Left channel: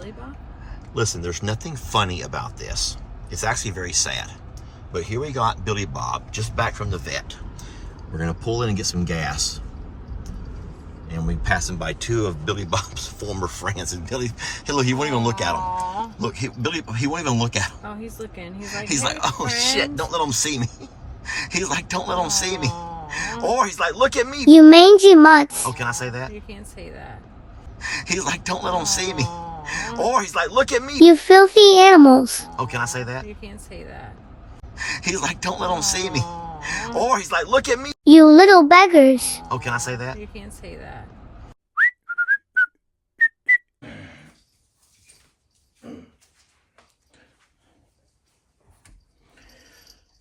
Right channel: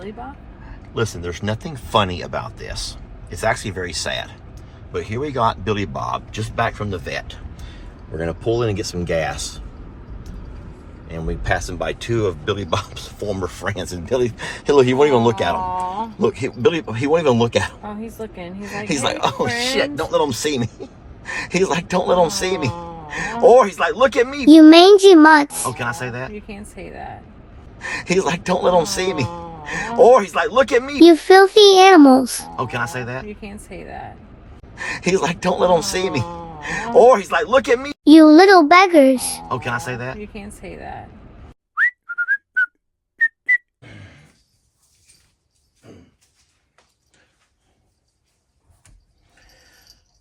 BillyBob? Listen, there's nothing funny about this. It's actually very sad. But here we got BillyBob just back from the vet. We're gonna pull in and get some gas. And we passing by two of BillyBob's former friends. And Billy, hey, look, he won't even look at him. Look, Billy, he won't even look at him. Oh, he's looking. He's like, He's hey, like, oh friend. shit, don't let him see me. He's like, don't let him see me. Or he's like, look at me. You mangy mutts. Oh, can I say that? You can't say that. He's like, don't let him see me. Or he's like, look at me. You filthy animals. Oh, can I say that? You can't say that. He's like, don't let him see me. Or he's like, look at me. You little beggars. Oh, can I say that? You can't say that.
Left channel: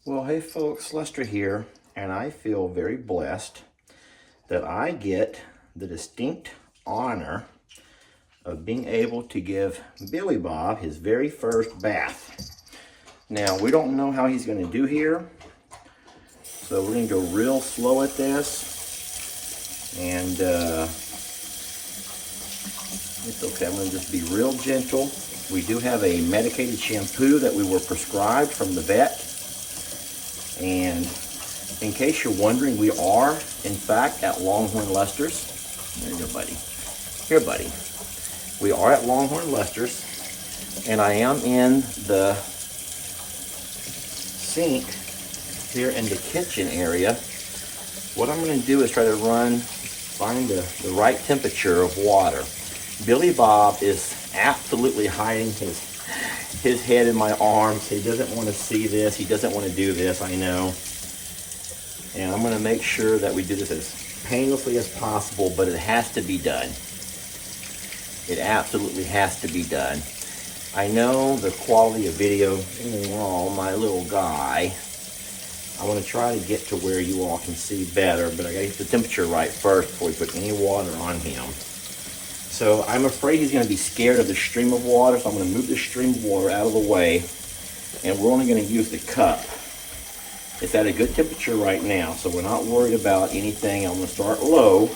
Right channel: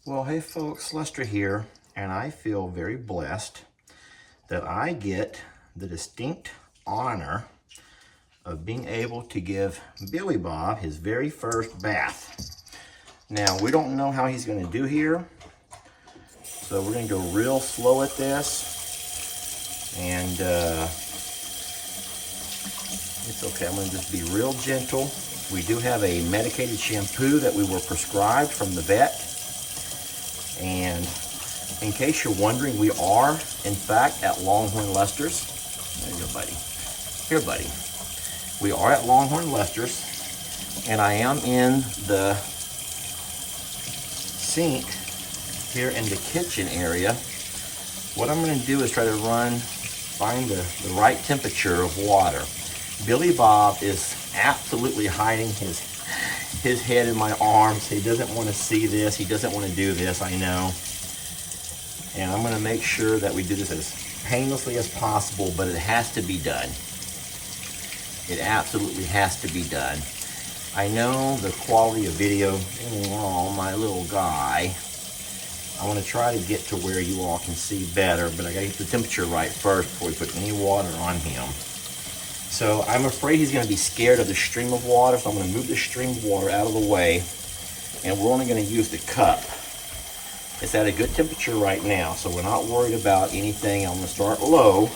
Well, hey folks, Lester here, and I feel very blessed that I get the distinct honor of being able to give BillyBob his very first bath. Now, we don't know how he's going to do here, so we're going to go real slow at this, and it's okay. I'm going to just be real gentle. We do have a medicated shampoo that we were prescribed from the vet. And in case you're wondering, we are, in fact, at Longhorn Lester's. There you go, buddy. Here, buddy. We are at Longhorn Lester's, and I am in the sink here in the kitchen area. What I'm going to do is try to find the right temperature of water. BillyBob is absolutely hiding his head in my arms. He doesn't want to see this. He doesn't want to do this, I know. And I'm going to make sure that we do this as painlessly as possible, but it has to be done. It absolutely has to be done. I know the quality of video, oh, my little guy. I want to try to get to where you all can see better, but I got to get the temperature right first before we put any water on him. So I'm afraid he's going to be scared of the stream of water, so I'm going to move the stream of water out of the way, and we're only going to use the cup. It's at a good temperature right now, so we're not worried about anything. I'm going to start low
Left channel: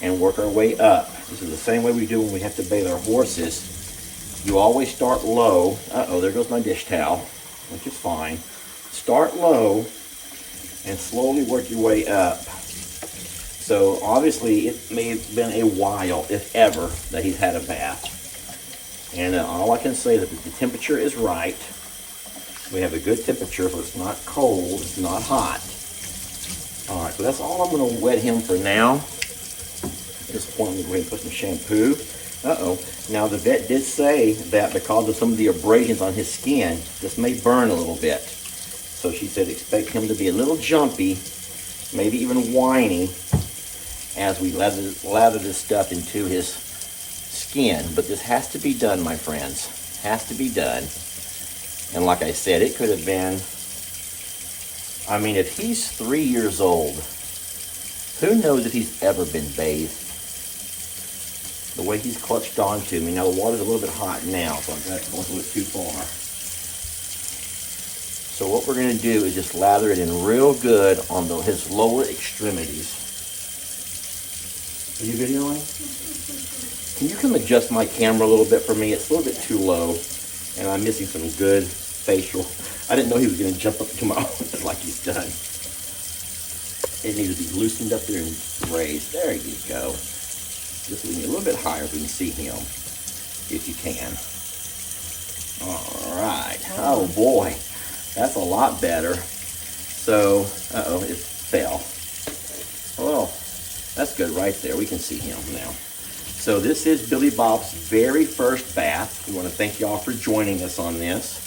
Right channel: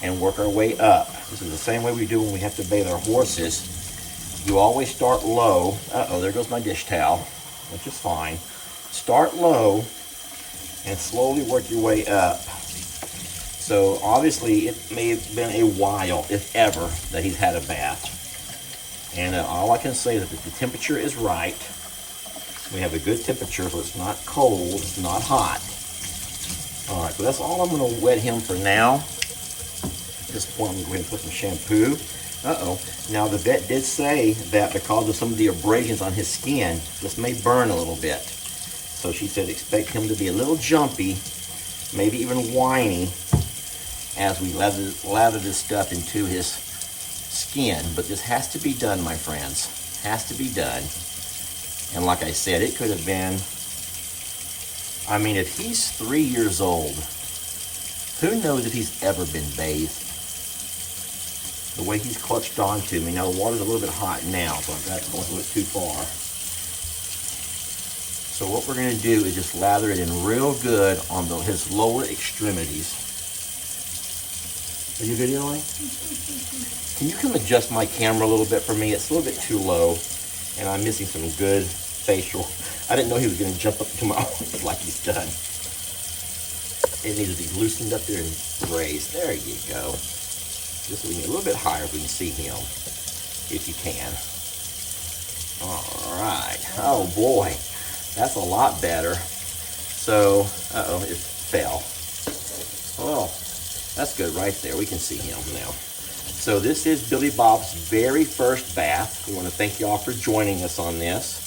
and work our way up. This is the same way we do when we have to bathe our horses. You always start low. Uh-oh, there goes my dish towel, which is fine. Start low and slowly work your way up. So obviously it may have been a while, if ever, that he's had a bath. And all I can say is that the temperature is right. We have a good temperature, so it's not cold, it's not hot. All right, so that's all I'm going to wet him for now. At this point, I'm going to put some shampoo. Uh-oh. Now, the vet did say that because of some of the abrasions on his skin, this may burn a little bit. So she said expect him to be a little jumpy, maybe even whiny, as we lather this stuff into his skin. But this has to be done, my friends. Has to be done. And like I said, it could have been, I mean, if he's 3 years old, who knows if he's ever been bathed? The way he's clutched onto me. Now, the water's a little bit hot now, so I've got to go a little bit too far. So what we're going to do is just lather it in real good on his lower extremities. Are you videoing? Can you come adjust my camera a little bit for me? It's a little bit too low, and I'm missing some good facial. I didn't know he was going to jump up to my arms like he's done. It needs to be loosened up there and raised. There you go. Just so we get a little bit higher so we can see him, if you can. All right. Oh, boy. That's a lot better. So, uh-oh, it fell. Well, that's good right there. We can see him now. So this is BillyBob's very first bath. We want to thank y'all for joining us on this.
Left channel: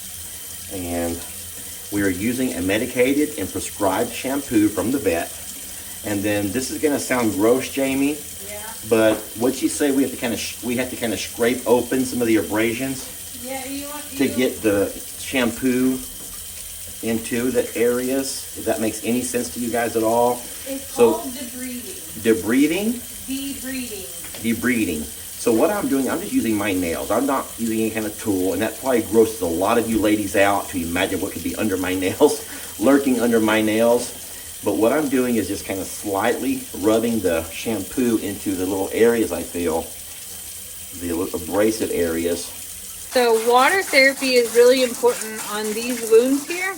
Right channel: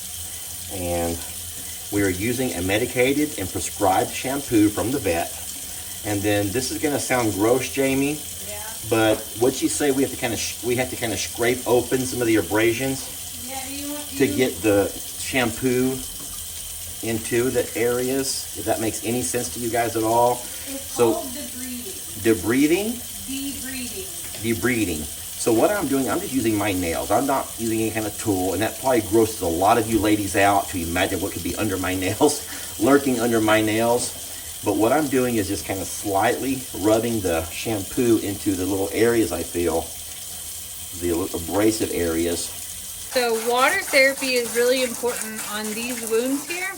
And we are using a medicated and prescribed shampoo from the vet. And then this is going to sound gross, Jamie. Yeah. But what'd she say? We have to kind of scrape open some of the abrasions to get the shampoo into the areas, if that makes any sense to you guys at all. It's called debriding. Debriding? Debriding. So what I'm doing, I'm just using my nails. I'm not using any kind of tool, and that probably grosses a lot of you ladies out to imagine what could be under my nails, lurking under my nails. But what I'm doing is just kind of slightly rubbing the shampoo into the little areas I feel, the abrasive areas. So water therapy is really important on these wounds here.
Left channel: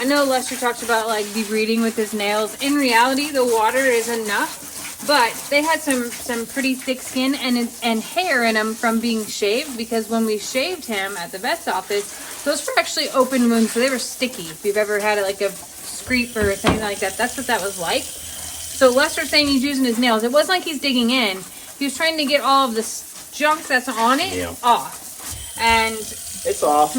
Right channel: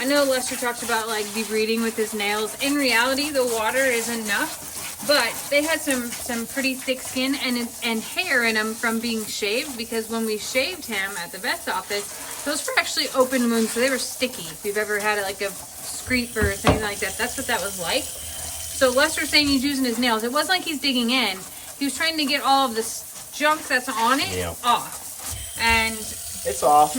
I know Lester talks about like debriding with his nails. In reality, the water is enough, but they had some pretty thick skin and hair in them from being shaved, because when we shaved him at the vet's office, those were actually open wounds, so they were sticky. If you've ever had like a scrape or something like that, that's what that was like. So Lester's saying he's using his nails. It wasn't like he's digging in. He was trying to get all of this junk that's on it off. And it's off.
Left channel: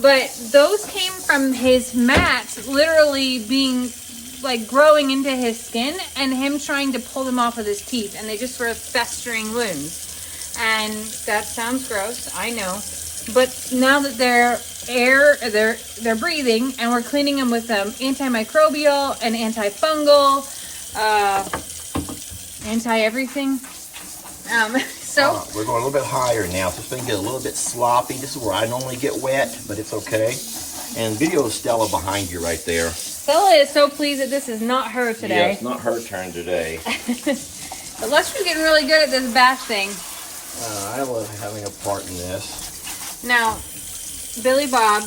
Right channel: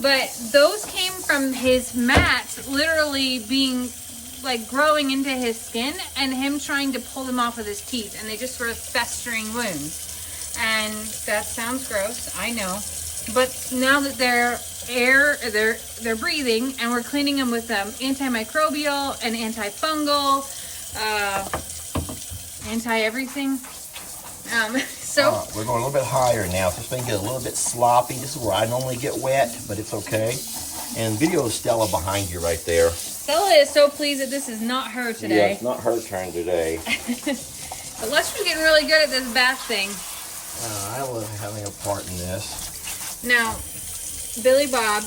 But those came from his mats literally being like growing into his skin and him trying to pull them off with his teeth, and they just were festering wounds. And that sounds gross, I know. But now that they're breathing, and we're cleaning them with antimicrobial and antifungal, anti-everything. So we're going a little bit higher now, so this thing gets a little bit sloppy. This is where I normally get wet, but it's okay. And video Stella behind you right there. Stella is so pleased that this is not her today. Yeah, it's not her turn today. But Lester's getting really good at this bath thing. I love having a part in this. Now, BillyBob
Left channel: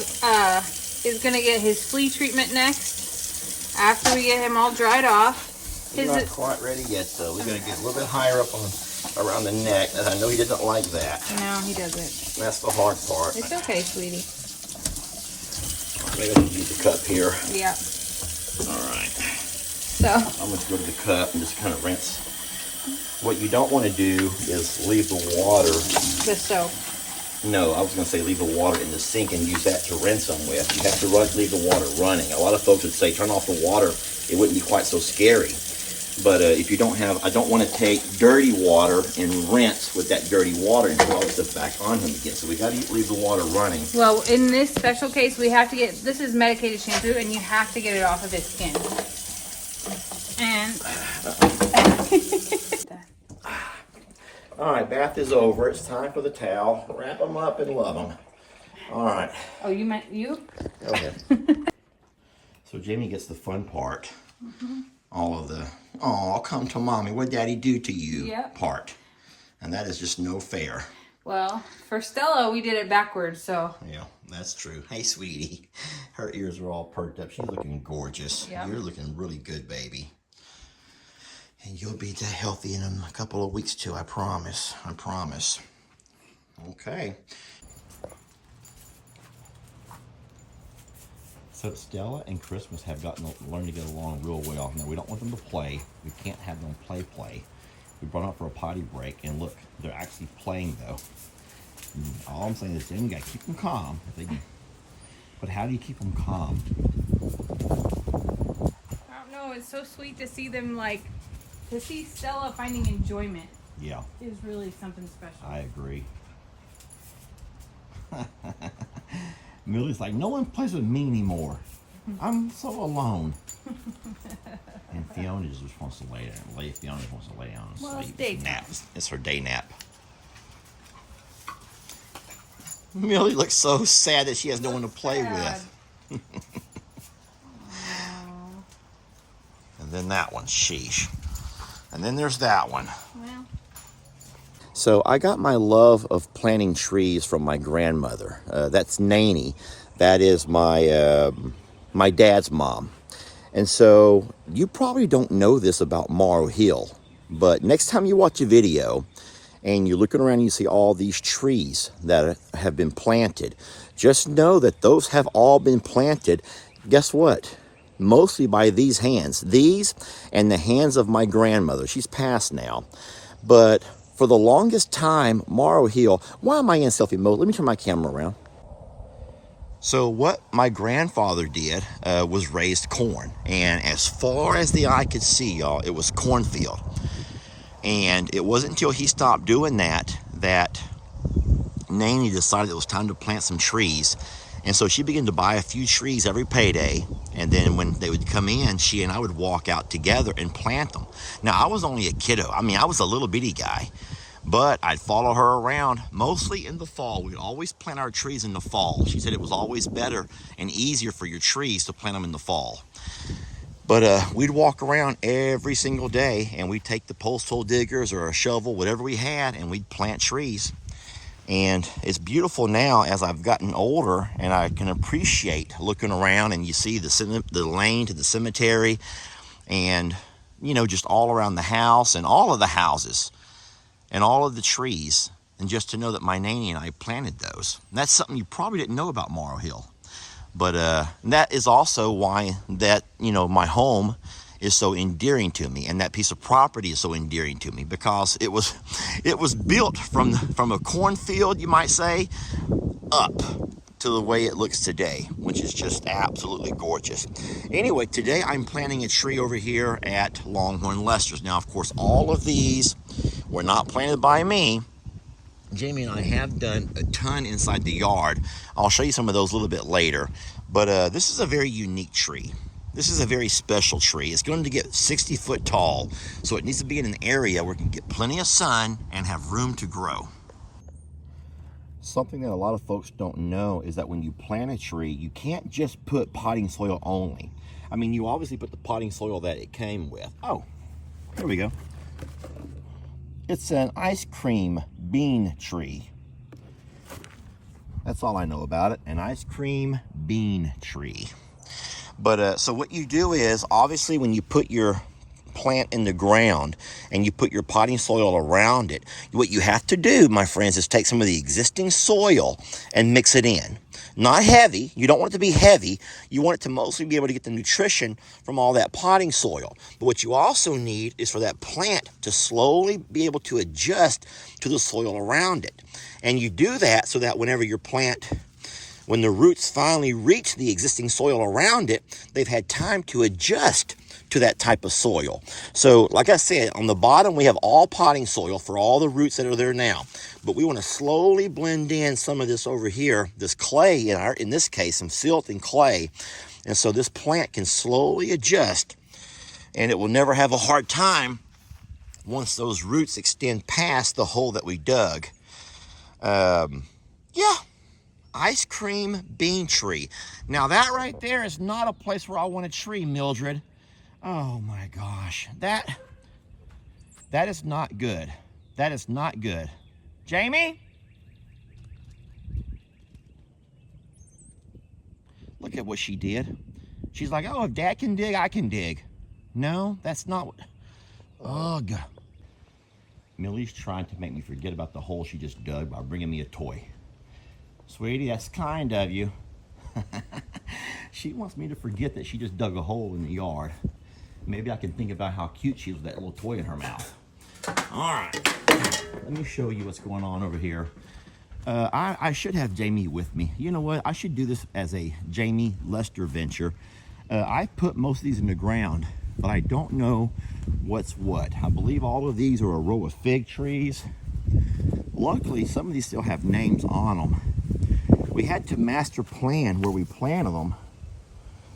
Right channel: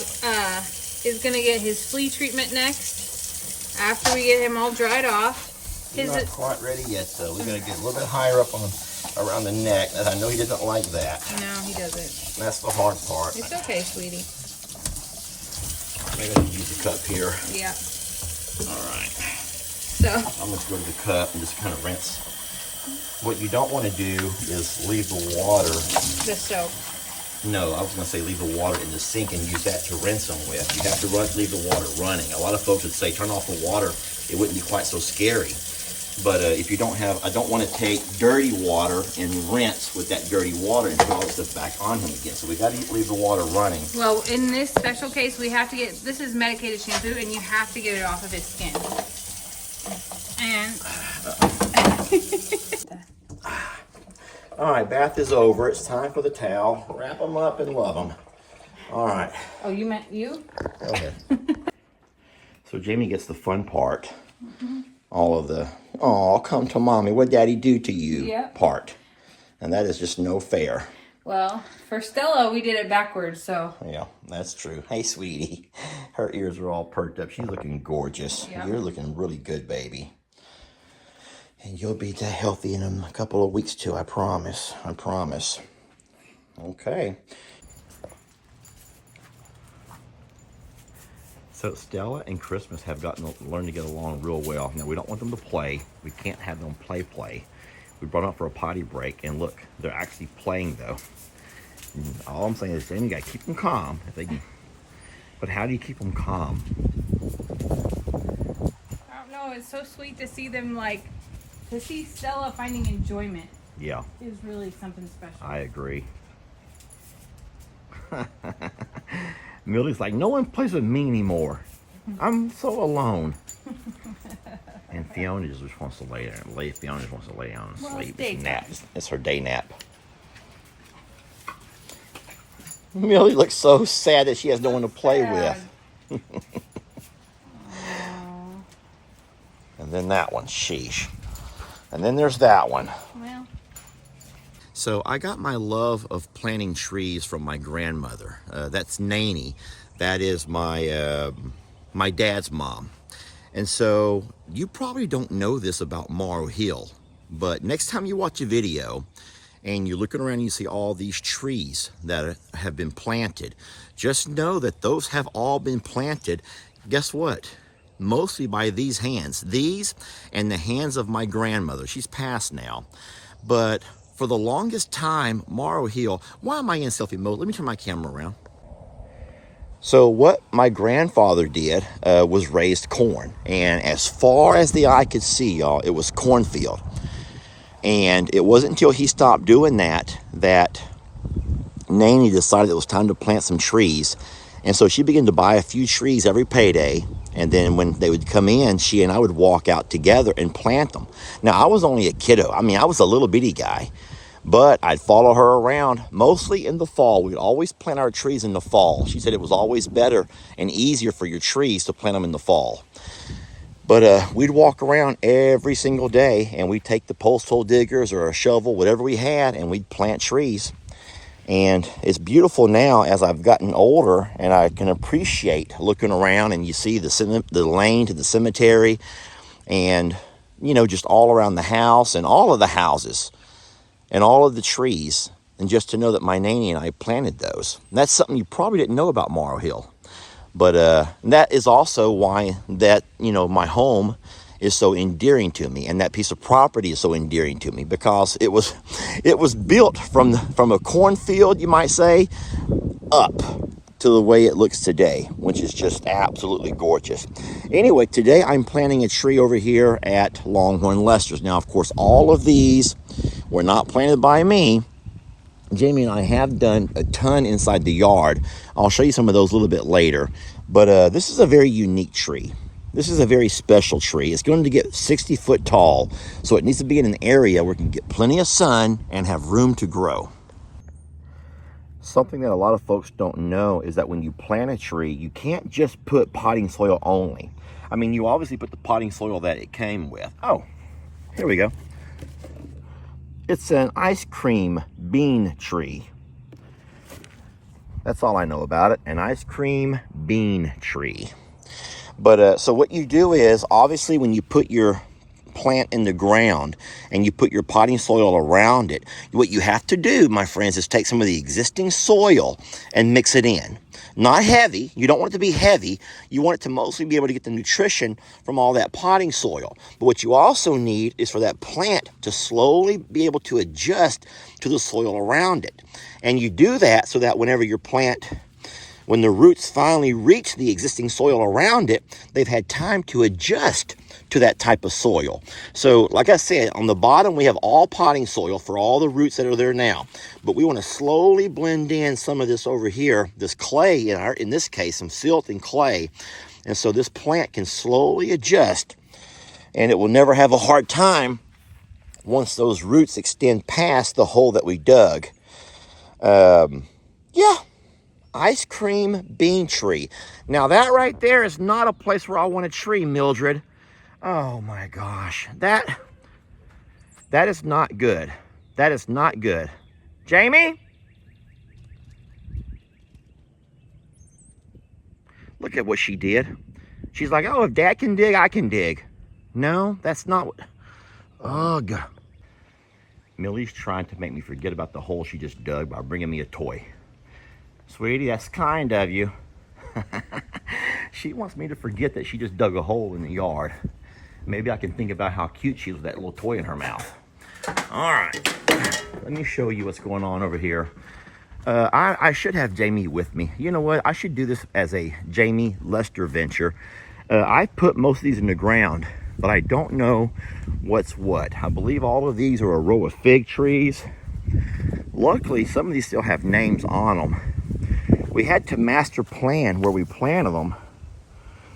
is going to get his flea treatment next after we get him all dried off. He's not quite ready yet, though. We're going to get a little bit higher up on around the neck, and I know he doesn't like that. No, he doesn't. That's the hard part. It's okay, sweetie. Maybe I'll use the cup here. Yeah. All right. So I'm going to go to the cup and just kind of rinse. What you don't want to do is leave the water. The soap. No, I was going to say leave the water in the sink and use that to rinse them with. You have to leave the water running. A lot of folks would say turn off the water. It wouldn't be quite so scary. But if you don't have, I don't want to take dirty water and rinse with that dirty water and put all this stuff back on him again. So we got to leave the water running. Well, in this special case, we have to get, this is medicated shampoo, and you have to get it off of his skin. And all right, bath is over. It's time for the towel. Wrap them up and love them. All right. Oh, you meant you? Go ahead. So Jamie gets the fun part. All of the, oh, come to mommy, what daddy do to you part. And that is just no fair. Well, for Stella, we did it backwards, so. Yeah, that's true. Hey, sweetie. Her ears are all perked up. She's looking gorgeous. Yeah. You're looking really good, baby. And you'll be that healthy in a couple of weeks, too. I promise. I promise. Okay. So Stella and Christmas have learned to get along real well. Now, we don't want them to play. We can't have them play. We brought them up for a potty break, and look, they're actually playing, though. And all I'm saying is, then you gotta keep them calm. If they can. But how do you keep them calm? I don't know. It's so sweet to see them, like, to see Stella finding enjoyment. Yeah. Is really something special. I agree. Millie's like, no one plays with me anymore. I'm so alone. And Fiona just wants to lay there. Fiona just wants to lay down and sleep. It's nap. It's her day nap. Millie looks so sad that she has no one to play with. And then that one, sheesh. And then there's that one. Well. So I got my love of planting trees from my grandmother. That's Nanny. That is my my dad's mom. And so you probably don't know this about Morrow Hill, but next time you watch a video and you're looking around and you see all these trees that have been planted, just know that those have all been planted, guess what? Mostly by these hands. These and the hands of my grandmother. She's passed now. But for the longest time, Morrow Hill, why am I in selfie mode? Let me turn my camera around. So what my grandfather did was raised corn. And as far as the eye could see, y'all, it was cornfield. And it wasn't until he stopped doing that Nanny decided it was time to plant some trees. And so she began to buy a few trees every payday. And then when they would come in, she and I would walk out together and plant them. Now, I was only a kiddo. I mean, I was a little bitty guy. But I'd follow her around, mostly in the fall. We'd always plant our trees in the fall. She said it was always better and easier for your trees to plant them in the fall. But we'd walk around every single day, and we'd take the post hole diggers or a shovel, whatever we had, and we'd plant trees. And it's beautiful now as I've gotten older, and I can appreciate looking around and you see the lane to the cemetery, and you know, just all around the house and all of the houses and all of the trees. And just to know that my nanny and I planted those. And that's something you probably didn't know about Morrow Hill. But that is also why that, you know, my home is so endearing to me, and that piece of property is so endearing to me, because it was built from a cornfield, you might say, up to the way it looks today, which is just absolutely gorgeous. Anyway, today I'm planting a tree over here at Longhorn Lester's. Now, of course, all of these were not planted by me. Jamie and I have done a ton inside the yard. I'll show you some of those a little bit later. But this is a very unique tree. This is a very special tree. It's going to get 60 foot tall, so it needs to be in an area where it can get plenty of sun and have room to grow. Something that a lot of folks don't know is that when you plant a tree, you can't just put potting soil only. I mean, you obviously put the potting soil that it came with. Oh, here we go. It's an ice cream bean tree. That's all I know about it, an ice cream bean tree. But so what you do is, obviously, when you put your plant in the ground and you put your potting soil around it, what you have to do, my friends, is take some of the existing soil and mix it in. Not heavy. You don't want it to be heavy. You want it to mostly be able to get the nutrition from all that potting soil. But what you also need is for that plant to slowly be able to adjust to the soil around it. And you do that so that whenever your plant, when the roots finally reach the existing soil around it, they've had time to adjust to that type of soil. So like I said, on the bottom we have all potting soil for all the roots that are there now. But we want to slowly blend in some of this over here, this clay, in this case, some silt and clay. And so this plant can slowly adjust, and it will never have a hard time once those roots extend past the hole that we dug. Yeah. Ice cream bean tree. Now that right there is not a place where I want a tree, Mildred. Oh my gosh. That is not good. That is not good. Jamie? Look at what she did. She's like, oh, if Dad can dig, I can dig. No, that's not what... Ugh. Millie's trying to make me forget about the hole she just dug by bringing me a toy. Sweetie, that's kind of you. She wants me to forget that she just dug a hole in the yard. Maybe I can think about how cute she is with that little toy in her mouth. All right, let me show you what's going on over here. I should have Jamie with me. You know what? I should do this as a Jamie Lester venture. I put most of these in the ground, but I don't know what's what. I believe all of these are a row of fig trees. Luckily, some of these still have names on them. We had to master plan where we planted them.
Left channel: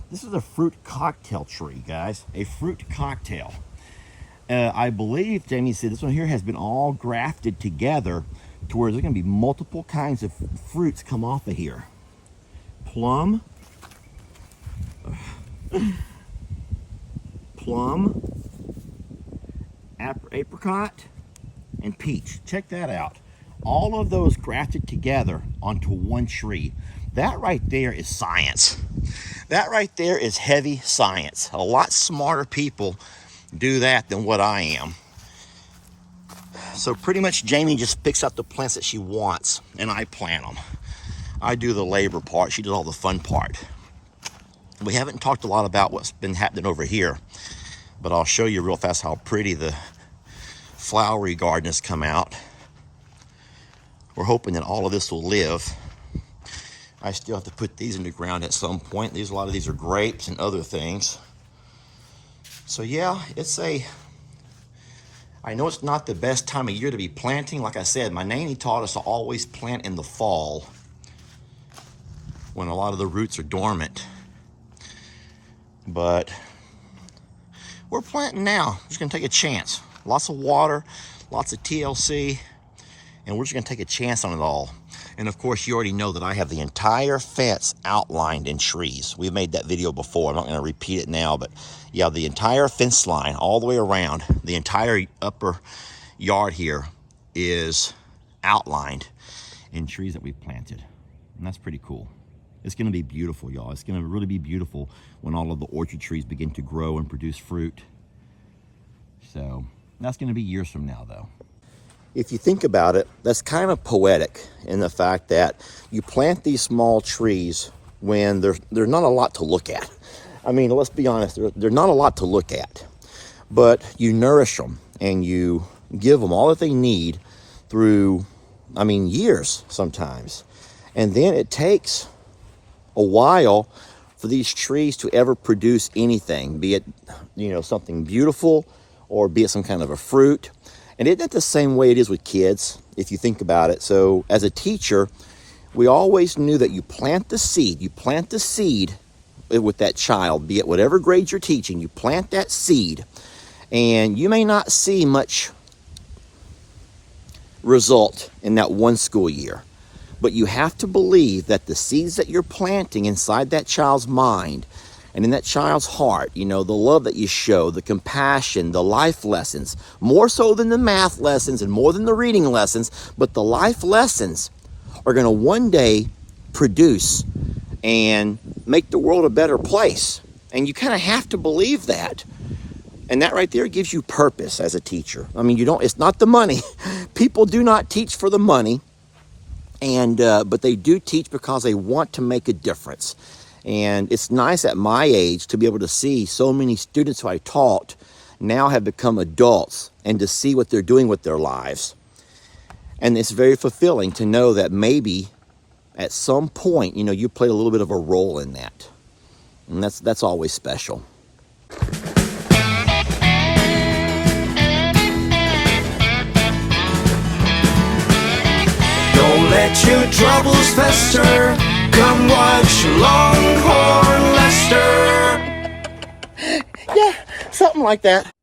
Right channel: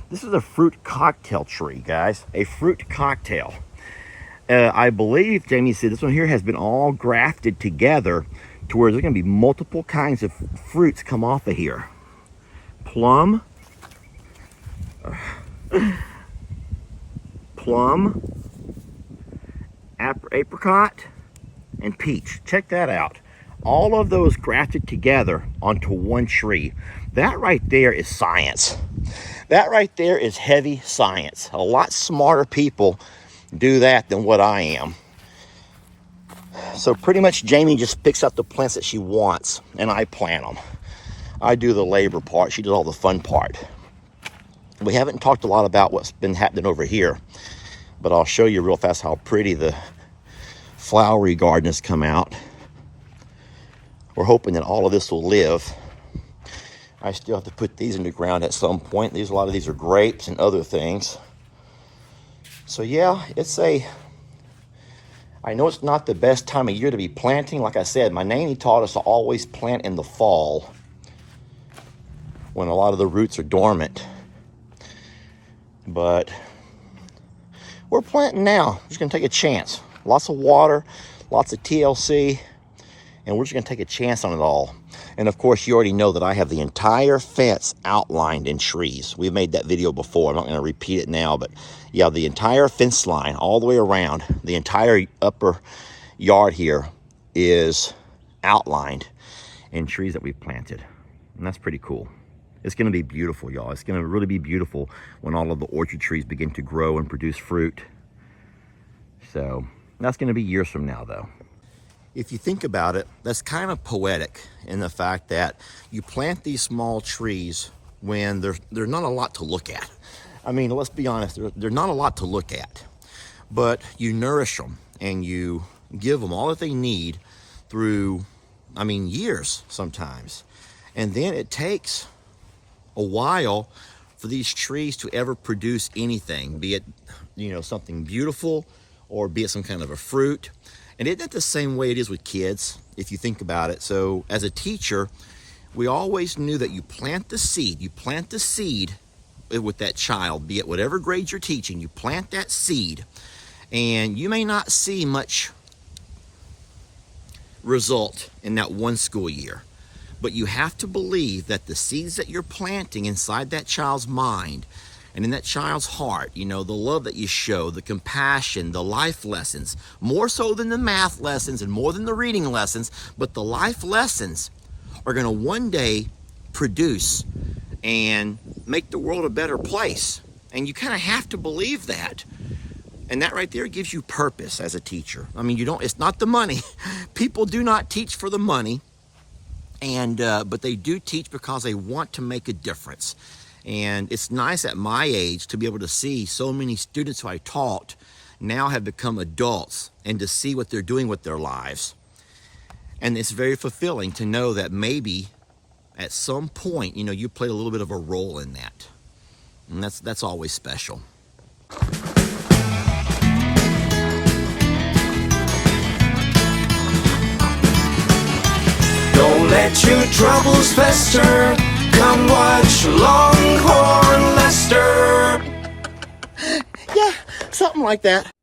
This is a fruit cocktail tree, guys. A fruit cocktail. I believe Jamie said this one here has been all grafted together to where there's going to be multiple kinds of fruits come off of here. Plum. Plum. Apricot. And peach. Check that out. All of those grafted together onto one tree. That right there is science. That right there is heavy science. A lot smarter people do that than what I am. So pretty much Jamie just picks up the plants that she wants and I plant them. I do the labor part. She does all the fun part. We haven't talked a lot about what's been happening over here, but I'll show you real fast how pretty the flowery garden has come out. We're hoping that all of this will live. I still have to put these in the ground at some point. A lot of these are grapes and other things. So yeah, I know it's not the best time of year to be planting. Like I said, my nanny taught us to always plant in the fall when a lot of the roots are dormant. But we're planting now. Just gonna take a chance. Lots of water, lots of TLC, and we're just gonna take a chance on it all. And of course, you already know that I have the entire fence outlined in trees. We've made that video before. I'm not gonna repeat it now, but yeah, the entire fence line all the way around, the entire upper yard here is outlined. and trees that we've planted. And that's pretty cool. It's going to be beautiful, y'all. It's going to really be beautiful when all of the orchard trees begin to grow and produce fruit. So that's going to be years from now, though. If you think about it, that's kind of poetic in the fact that you plant these small trees when there's not a lot to look at. I mean, let's be honest, there's not a lot to look at. But you nourish them and you give them all that they need through, I mean, years sometimes. And then it takes a while for these trees to ever produce anything, be it, you know, something beautiful or be it some kind of a fruit. And isn't that the same way it is with kids, if you think about it? So as a teacher, we always knew that you plant the seed with that child, be it whatever grade you're teaching, you plant that seed, and you may not see much result in that one school year. But you have to believe that the seeds that you're planting inside that child's mind and in that child's heart, you know, the love that you show, the compassion, the life lessons, more so than the math lessons and more than the reading lessons, but the life lessons are going to one day produce and make the world a better place. And you kind of have to believe that. And that right there gives you purpose as a teacher. I mean, it's not the money. People do not teach for the money. And but they do teach because they want to make a difference. And it's nice at my age to be able to see so many students who I taught now have become adults and to see what they're doing with their lives. And it's very fulfilling to know that maybe at some point, you know, you played a little bit of a role in that. And that's always special. Don't let your troubles fester. Come watch Longhorn Lester. Yeah, something like that.